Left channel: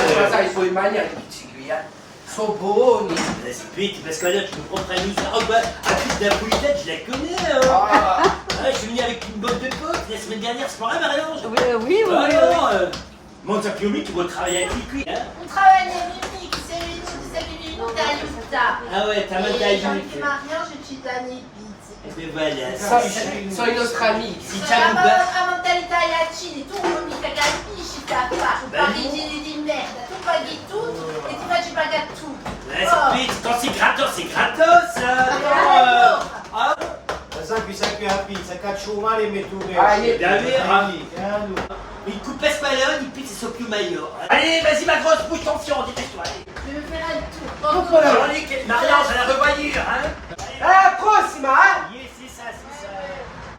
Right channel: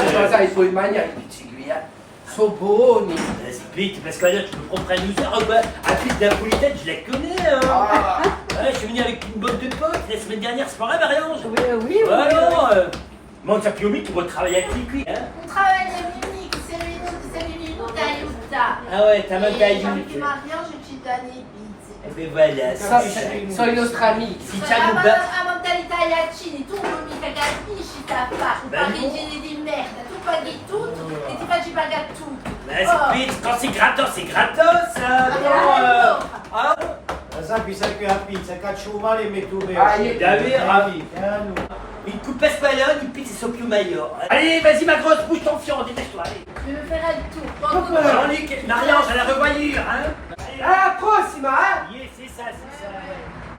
Allora, i tuoi mani anche piccini, sono buoni. Vite, parce que là, tu me comprends misère ou pas? À plus de la politesse, je la connais, hein. Ouais, je suis venu avec une bande de potes la semaine dernière, c'est pas vrai, Marianne? Oui. Monte Piomi, tu vas travailler avec lui, hein? Un trabalha mimico, você vive no tá? Ah ouais, t'as mal taillé. Anche Marianne, je ci danno pizza. Eh ben voilà, Ça, sono i nostri amici. si Ma t'as un bas. la mentalità latini, tu non mica capisci, capito? Tu parigini di merda, tu paghi tutto e ti facci pagare tutto. Ouais, vite, quand c'est gratos, hein? Sai qui sai più la pizza, caccio male e metto Davvero? Il te coupe pas là, il pique c'est più meilleur. Allez, vas-y ma grosse bouche, tension, dépêche-toi, allez. Je vais faire un tour. Marianne, à la revoyure, hein? Alla prossima, eh? Yeah, c'est ça, c'est ça.